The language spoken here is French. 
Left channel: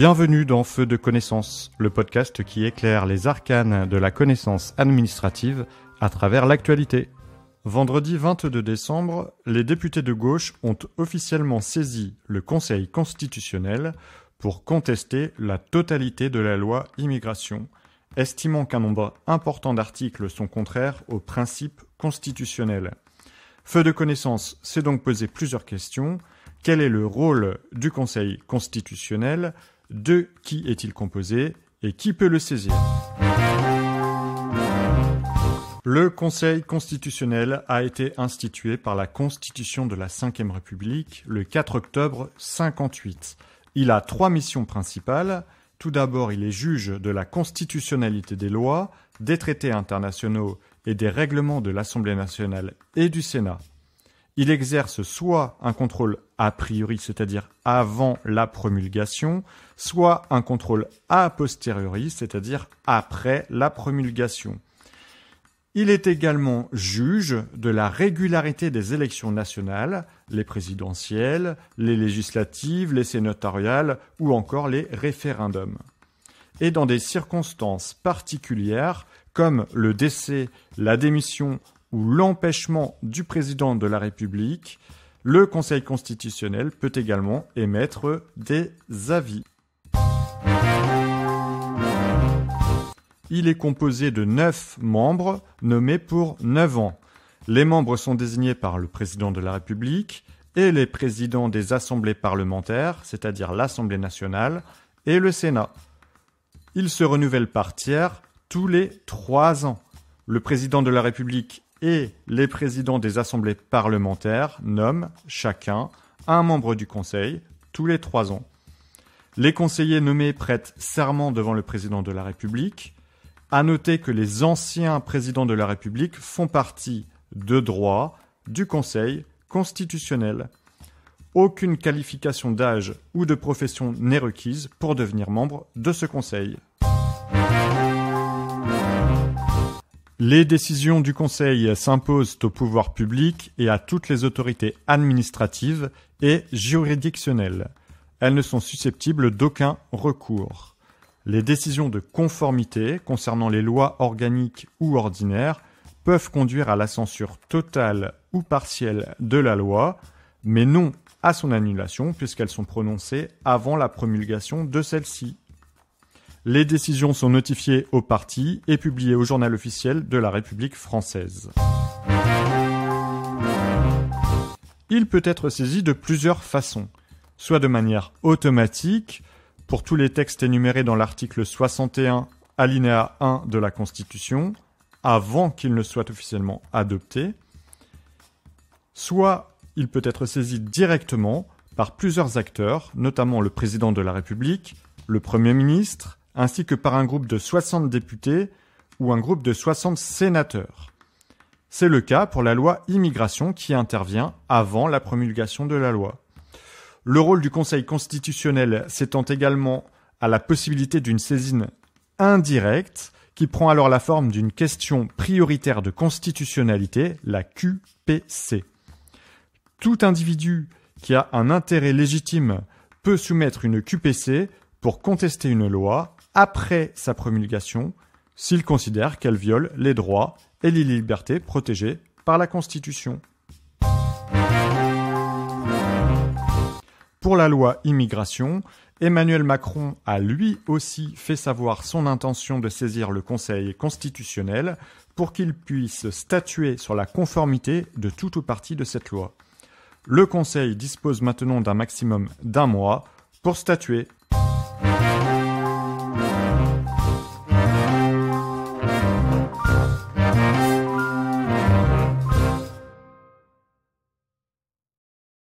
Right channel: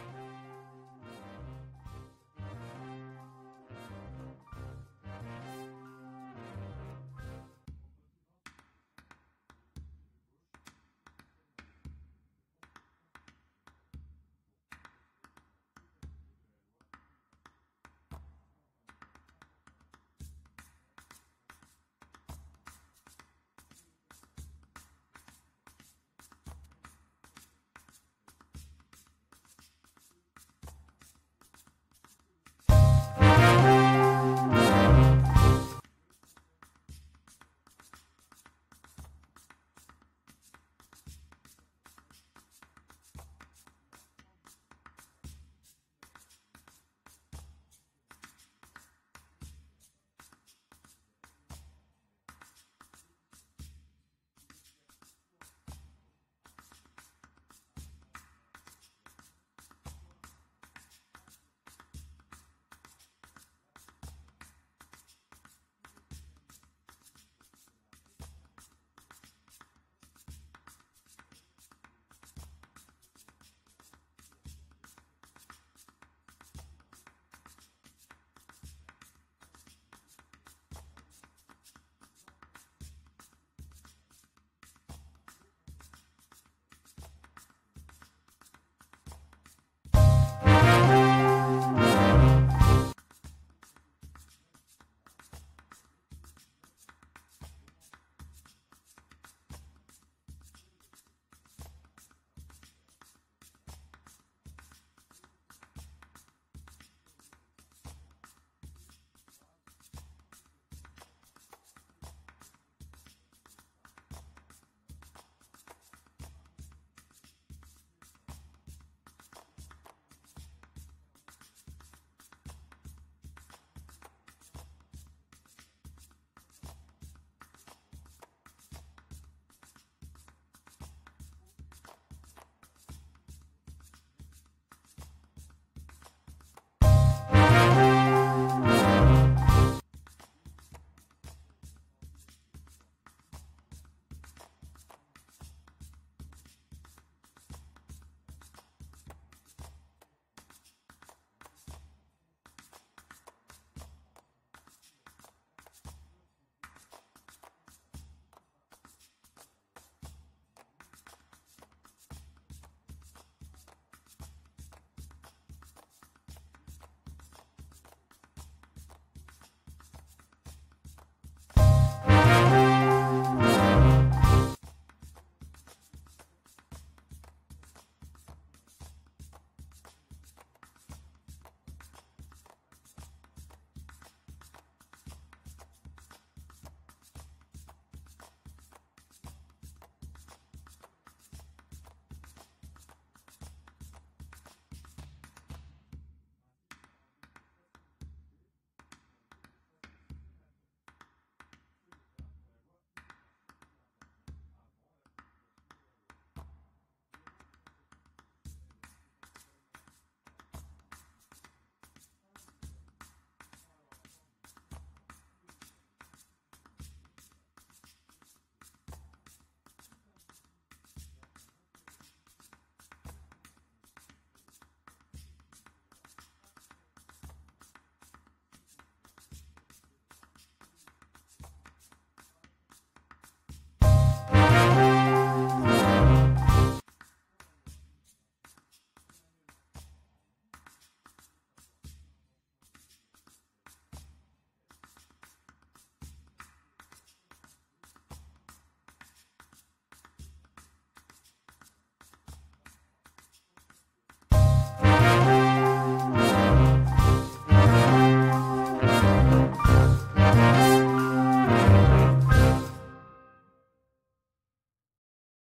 Bienvenue dans Feu de connaissance, le podcast qui éclaire les arcanes de la connaissance administrative à travers l'actualité. Vendredi 22 décembre, les députés de gauche ont officiellement saisi le Conseil constitutionnel pour contester la totalité de la loi immigration, estimant qu'un nombre important d'articles sont contraires aux principes constitutionnels. Feu de connaissance s'est donc posé plusieurs questions. Quel est le rôle du Conseil constitutionnel ? De qui est-il composé et qui peut le saisir ? Le Conseil constitutionnel a été institué par la Constitution de la Ve République le 4 octobre 1958. Il a 3 missions principales. Tout d'abord, il est juge de la constitutionnalité des lois, des traités internationaux et des règlements de l'Assemblée nationale et du Sénat. Il exerce soit un contrôle a priori, c'est-à-dire avant la promulgation, soit un contrôle a posteriori, c'est-à-dire après la promulgation. Il est également juge de la régularité des élections nationales, les présidentielles, les législatives, les sénatoriales ou encore les référendums. Et dans des circonstances particulières, comme le décès, la démission ou l'empêchement du président de la République, le Conseil constitutionnel peut également émettre des avis. Il est composé de 9 membres nommés pour 9 ans. Les membres sont désignés par le président de la République et les présidents des assemblées parlementaires, c'est-à-dire l'Assemblée nationale et le Sénat. Ils se renouvellent par tiers tous les 3 ans. Le président de la République et les présidents des assemblées parlementaires nomment chacun un membre du Conseil tous les 3 ans. Les conseillers nommés prêtent serment devant le président de la République. À noter que les anciens présidents de la République font partie de droit du Conseil constitutionnel. Aucune qualification d'âge ou de profession n'est requise pour devenir membre de ce Conseil. Les décisions du Conseil s'imposent au pouvoir public et à toutes les autorités administratives et juridictionnelles. Elles ne sont susceptibles d'aucun recours. Les décisions de conformité concernant les lois organiques ou ordinaires peuvent conduire à la censure totale ou partielle de la loi, mais non à son annulation puisqu'elles sont prononcées avant la promulgation de celle-ci. Les décisions sont notifiées aux parties et publiées au journal officiel de la République française. Il peut être saisi de plusieurs façons, soit de manière automatique, pour tous les textes énumérés dans l'article 61, alinéa 1 de la Constitution, avant qu'il ne soit officiellement adopté, soit il peut être saisi directement par plusieurs acteurs, notamment le président de la République, le Premier ministre, ainsi que par un groupe de 60 députés ou un groupe de 60 sénateurs. C'est le cas pour la loi immigration qui intervient avant la promulgation de la loi. Le rôle du Conseil constitutionnel s'étend également à la possibilité d'une saisine indirecte qui prend alors la forme d'une question prioritaire de constitutionnalité, la QPC. Tout individu qui a un intérêt légitime peut soumettre une QPC pour contester une loi après sa promulgation s'il considère qu'elle viole les droits et les libertés protégés par la Constitution. Pour la loi immigration, Emmanuel Macron a lui aussi fait savoir son intention de saisir le Conseil constitutionnel pour qu'il puisse statuer sur la conformité de tout ou partie de cette loi. Le Conseil dispose maintenant d'un maximum d'1 mois pour statuer.